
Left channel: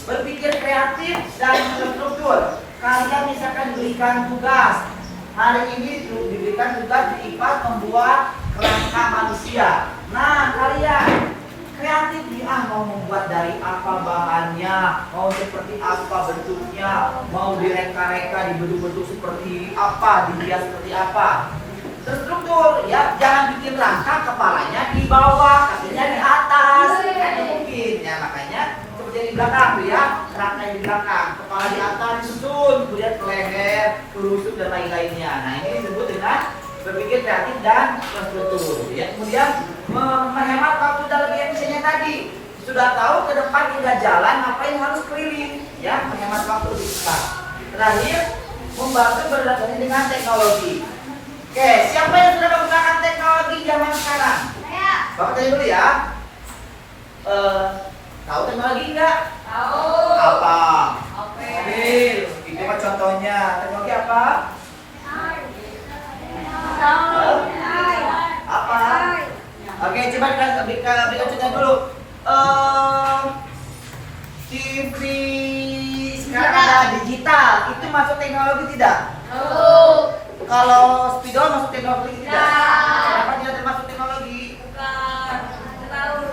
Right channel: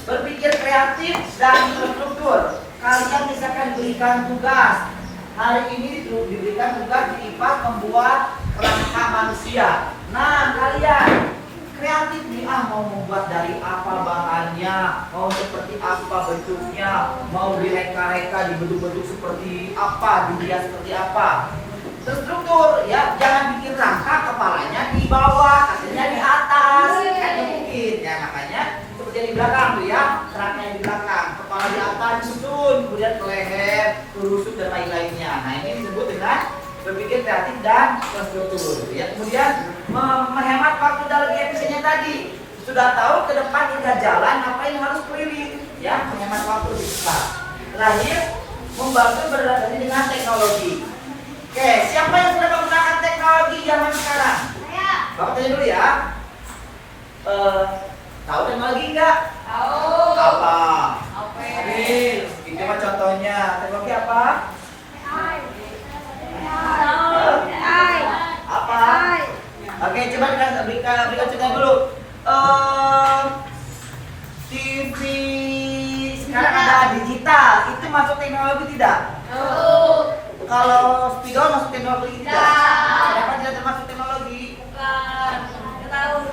berpikir kreatif dan terstruktur. Kalian misalkan diberikan tugas. Hari ini diberikan tugas di IPA membuat kerangka manusia. Nah, kalian kreatif nih, mau membuat dari apa bahannya, mau seperti apa bentuknya, mau direka-reka dibentuk-bentuk seperti apa, dihias seperti apa. Terstruktur ya, jangan bikin rangka kepalanya di bawah, kakinya di atas, kan mungkin. Ya makanya seperti di belakang tuh ya, kerangkanya di belakang, kepala di atas disusun, kemudian ke leher, ke rusuk dan lain-lainnya. Nah ini disebut dengan berpikir kreatif dan terstruktur. Ya kemudian menghemat waktu dan lebih efisiennya tadi. Sudah tahu ke depan tinggal jalan, ngapain harus keliling? Ya menghemat waktu lebih cepat. Terakhir, membantu beradaptasi dengan teknologi. Oke, siapa yang sudah menggunakan teknologi zaman sekarang? Saya. Bapak tanya dulu ya. Tahu teknologi enggak? Tahu. Apa? Apa? Itu apa contohnya? Teknologi apa? Apa? Oke, coba kita berikan contohnya dulu. TV sekarang ada digital, itu masuk teknologi tidak? Kalau spidol masuk teknologi tidak? Kenapa tidak termasuk teknologi? Bukan. Tahu.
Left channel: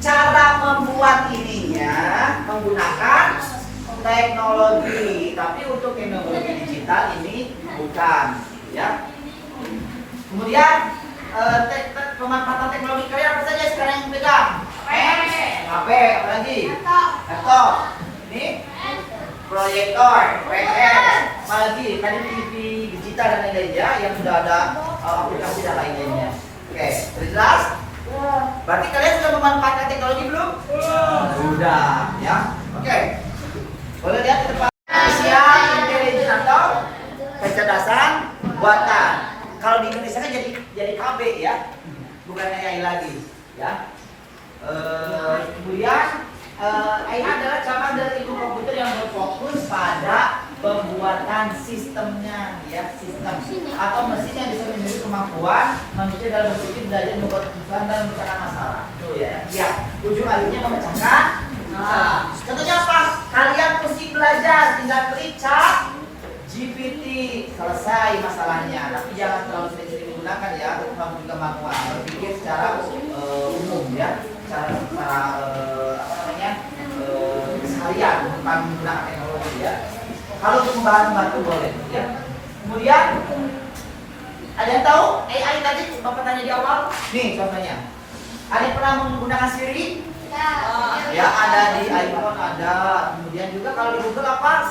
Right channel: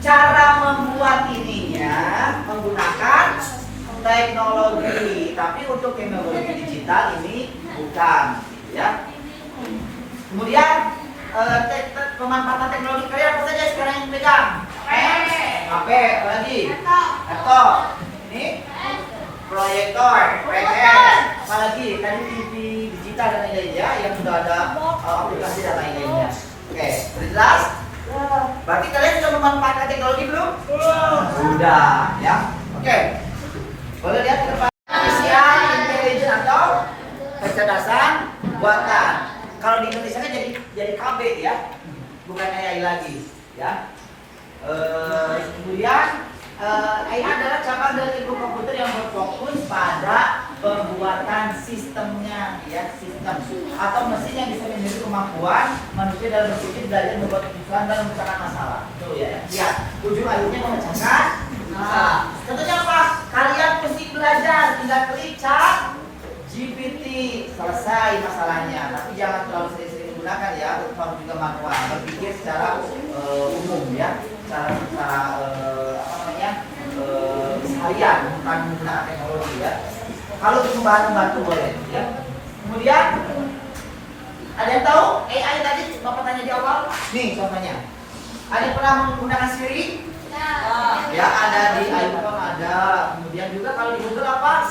Cara membuat ininya menggunakan teknologi, tapi untuk teknologi digital ini bukan, ya. Kemudian pemanfaatan teknologi kalian apa saja sekarang yang pegang? HP, apa lagi? Laptop. Ini proyektor, PS, apa lagi? Tadi TV digital dan lain-lainnya yang sudah ada aplikasi dan lain-lainnya. Oke, jelas? Berarti kalian sudah memanfaatkan teknologi belum? Belum. Sudah, ya. Oke. Boleh lihat ke depan. Artificial intelligence atau kecerdasan buatan. Kalau di Indonesia kan jadi KB ya, bukan AI lagi, ya. Kemudian AI adalah cabang dari ilmu komputer yang berfokus pada pembuatan sistemnya, ya, sistem atau mesin yang bisa menjadi kemampuan manusia dalam berpikir, belajar, membuat keputusan dan memecahkan masalah. Tuh ya, lihat ujung akhirnya memecahkan. Nah, contohnya apa? Kalian mesti belajar, tinggal klik chat GPT, selesai masalahnya. Tapi jangan terlalu sering-sering digunakan ya, tetap juga manual, berpikir secara umum ya, secara apa namanya sekalian, bukan menggunakan teknologi ya. Kalau untuk membantu boleh ya. Kemudian ada yang tahu AI tadi Bapak tanya di awal? Nih contohnya. Ada yang pernah menggunakan Siri? Ya, ada di iPhone ada. Kemudian juga kalau di Google apa?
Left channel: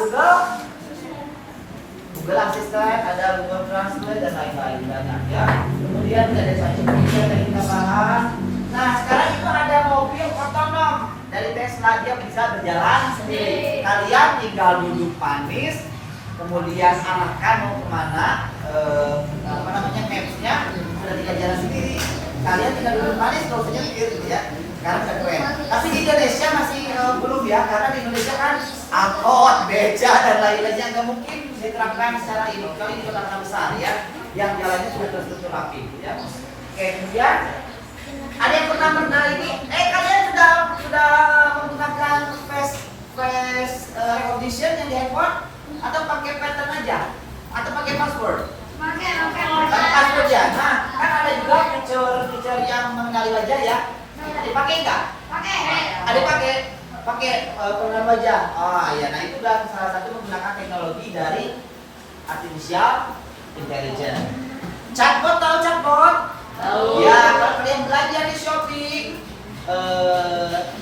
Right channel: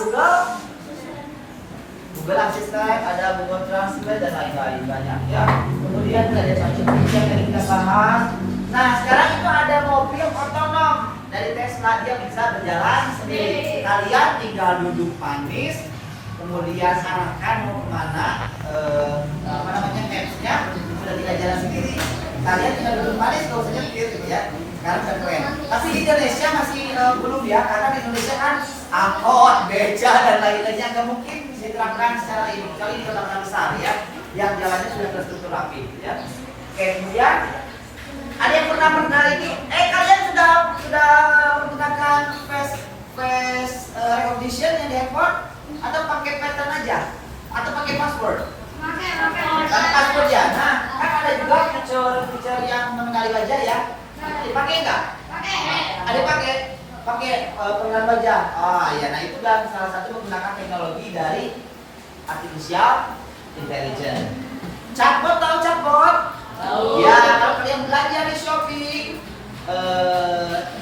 Google Assistant, ada Google Translate dan lain-lain banyak ya. Kemudian ada ChatGPT yang kita bahas. Nah, sekarang itu ada mobil otonom dari Tesla, dia bisa berjalan sendiri. Kalian tinggal duduk manis, kemudian arahkan mau kemana, apa namanya mapsnya sudah tidak jalan sendiri. Kalian tinggal duduk manis, kalau usah nyetir gitu ya. Sekarang sudah keren. Tapi di Indonesia masih belum ya, karena di Indonesia kan angkot, beca dan lain-lainnya nggak mungkin diterapkan secara ini. Kali di kota-kota besar ya, yang jalannya sudah terstruktur rapi ya. Oke, kemudian ada yang pernah mendengar ini? Kalian sudah menggunakan face recognition yang di handphone atau pakai pattern aja? Atau pakai password? Pakai password ya. Nah, kan ada juga fitur yang mengenali wajah ya. Dipakai nggak? Ada pakai pengenalan wajah. Ya, nah itu adalah salah satu menggunakan teknologi dari artificial intelligence. Chatbot, tahu chatbot? Ya, kalau kalian belanja di Shopee,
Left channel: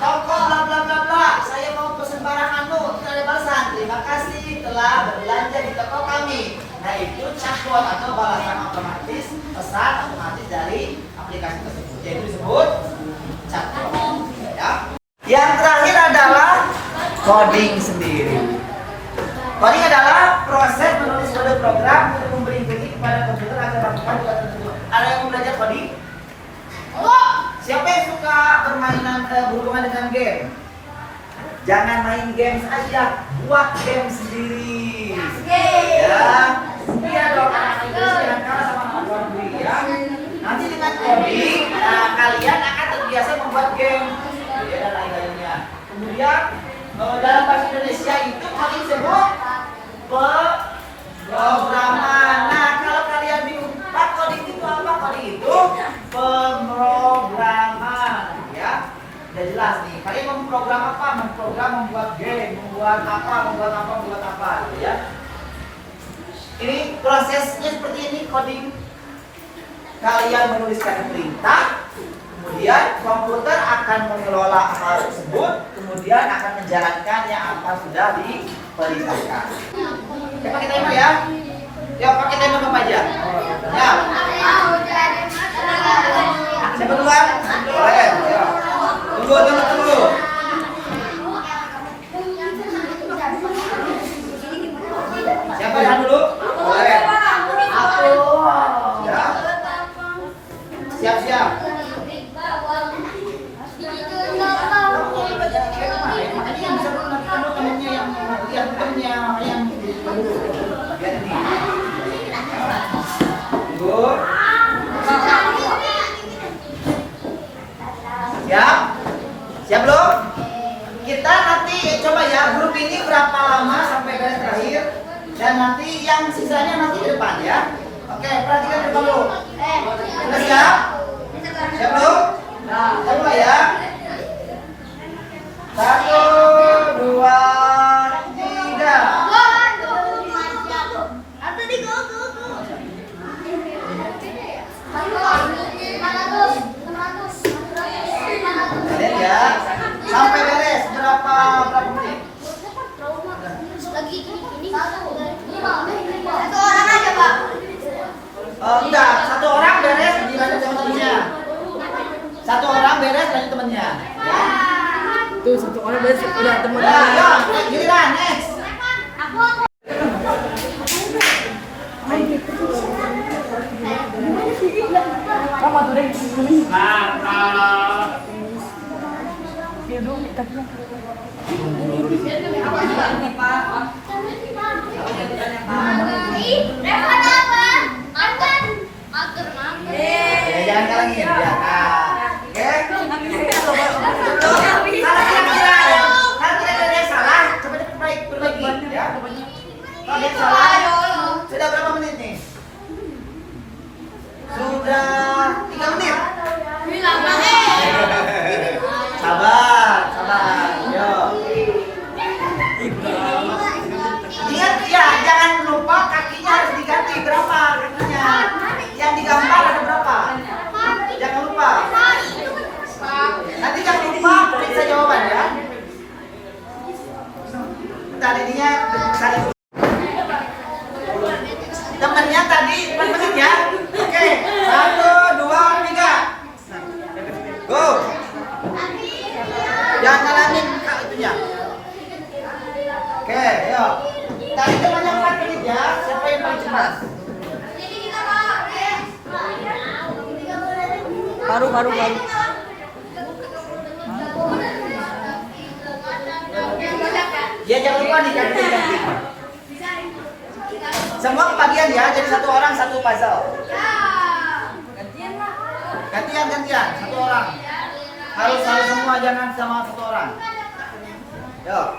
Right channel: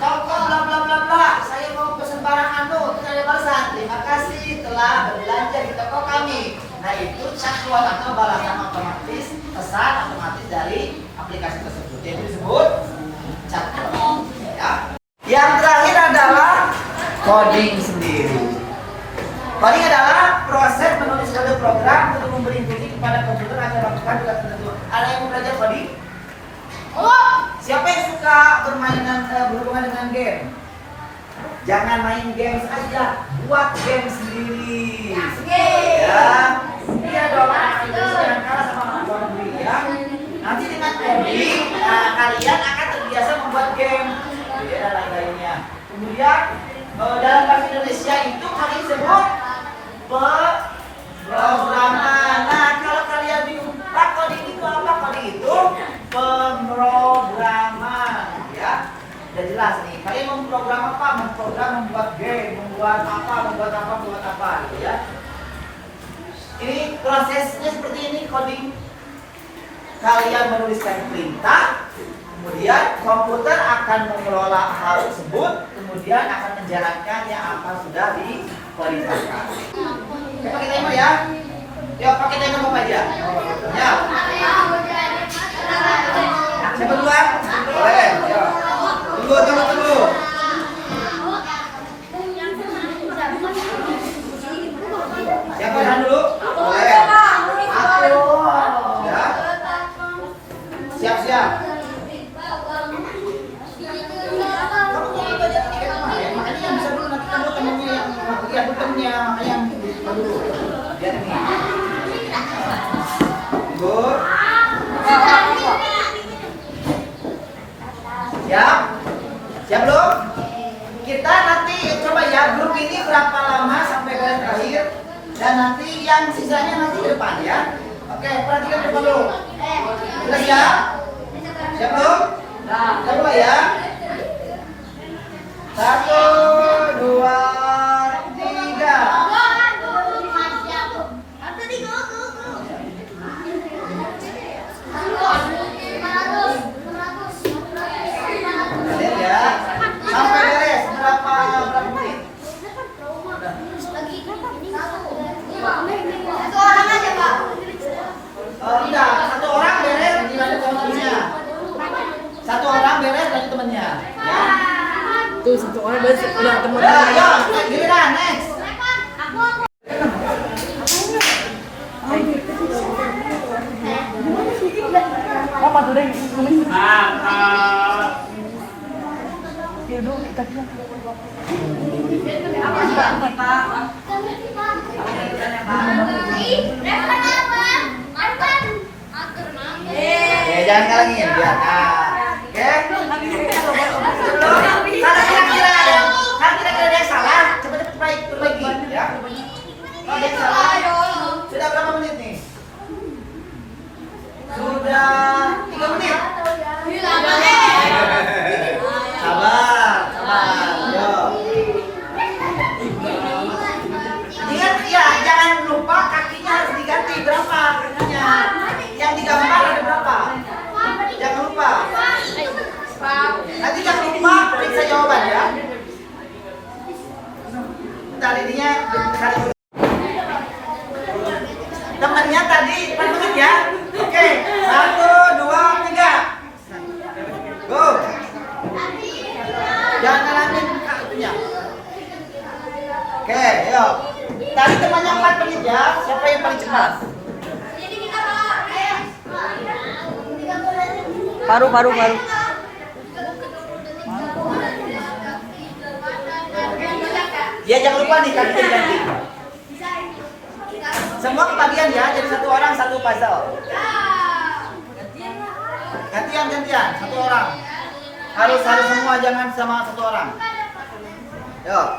toko bla bla bla bla, saya mau pesan barang anu, ada balasan. Terima kasih telah berbelanja di toko kami. Nah itu chatbot atau balasan otomatis, pesan otomatis dari aplikasi tersebut. Jadi disebut chatbot. Ya. Yang terakhir adalah coding sendiri. Coding adalah proses menulis kode program untuk memberi instruksi kepada komputer agar melakukan tugas tertentu. Ada yang mau belajar coding? Siapa yang suka berhubungan dengan game? Jangan main games aja, buat game sendiri. Ya, iya dong. Jangan kalah sama anak luar negeri ya. Nanti dengan coding, kalian akan terbiasa membuat game. Ya, dan lain-lainnya. Kemudian dalam bahasa Indonesia itu paling disebut pemrograman. Nah, kalau kalian bingung, Pak, coding itu apa? Coding itu pemrograman, ya. Udah jelas nih. Kalian memprogram apa? Memprogram, membuat game, membuat apa, gitu ya. Ini prosesnya seperti ini coding. Kalian menuliskan perintah, kemudian komputer akan mengelola hal tersebut, kemudian akan menjalankannya apa sudah diperintahkan. Oke, pakai timer ya. Ya, pakai timer apa aja? Ya. Siapa duluan? Boleh. Ya. Tunggu. Siapa yang dulu? Boleh. Aku. Ya. Siap. Kamu tuh belajar ini kan kemarin, makanya yang bisa dulu nanti kamu temennya yang lihat temennya, makanya yang dulu. Lihat ini. Tunggu. Siap belum? Kita nanti coba ya grup ini berapa lama sampai garis terakhir, dan nanti yang sisanya nanti di depan ya. Oke, perhatikan depan dulu. Sudah siap? Siap belum? Nah, coba ya. Satu, dua, tiga. Kalian ya, sampai beres berapa menit? Enggak, satu orang beres dilanjut sama temennya. Satu orang beres lanjut temennya. Ya. Tuh satu orang beres udah temen. Ya, giliran next. Kamu tuh deh ngomongin. Yaudah kita Oke, jangan kalangin ya. Oke. Kalau kira-kira ada yang salah, coba perbaiki ya. Kalau ada yang salah, sudah berapa menit nih? Sudah 3 menit. Sabar. Yuk. Ingat ya, jangan lupa kakinya harus diganti berapa kakinya. Yang digambar ada berapa? Jangan lupa. Nanti jangan lupa periksa jawaban ya. Bentar ininya cari dulu. Temennya tadi 4 menit ya. Oke, 1, 2, 3. Go. Jangan ngalamin kak itunya. Oke, yuk. Tadi temannya 4 menit ya. Siapa yang paling cepat? baru. Ya jangan lupa nih kaki diganti. Semua kebagian ya, jadi satu orang satu puzzle. Gantian, satu orang. Harus semua, jangan sama satu orang. Yuk.